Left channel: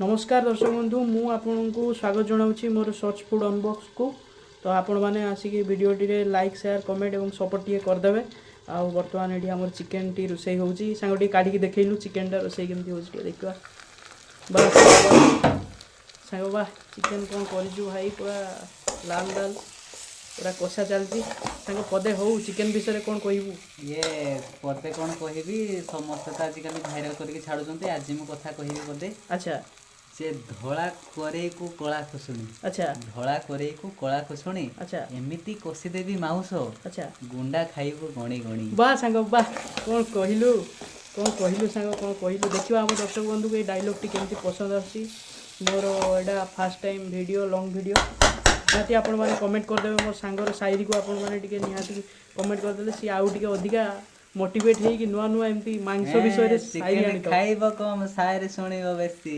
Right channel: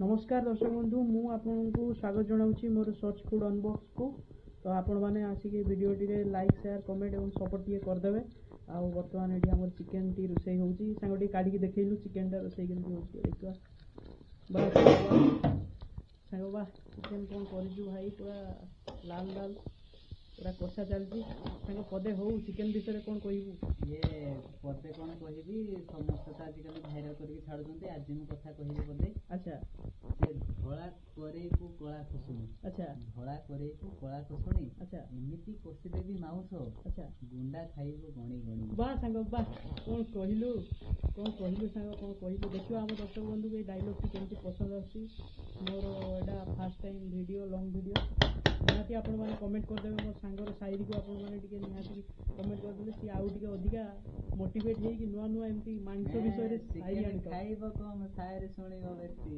नमस्कार दर्शक बंधु मु आपको स्वागत जनाऊँगी मोर सर्च फूड अनबॉक्स को। तो आपण मैंने आसिक भिडियोटी लाइक शेयर कमेंट और सपोर्ट टी करदे। आउ बर्तमान ये आम चिकेन टी रोसे हो सांग काढ़ी देखलु चिकेन टा रोसे केमती हो देखा बस सांग बा चिकेन कौन कर भाई पूरा लाल लाल पूरा कषा चलती सांग पदे हो चिकेन विषय कौन कहबू ये पदे कौन कहबी समस्त तो आजिकल भाइराल करके छाड़ुंट आज मु कथा कहबी पदे। अच्छा से धला करे को कला खुशुणी। अच्छा धला करे को कला खुशुणी। अच्छा एमिति कषिदेवी माउस। अच्छा गुंडा खाइबो गणी गणी बा सांग बा कौन कहलु सांग कौन कहलु देखिए आम दर्शक बंधु को डायलॉग टी केमती पसंद आसी मोर एटा first time video long video निहाती आपण मैंने कमेंट करदे मोर सांगर शायरी को आपण मैंने निहाती कमेंट करदे सी आउ टिके अधिका मोटिवेट है कि नुआ नुआ एमती मांस विषय रे शायरी खाइबो कम शायरी सुनिबो बेसी।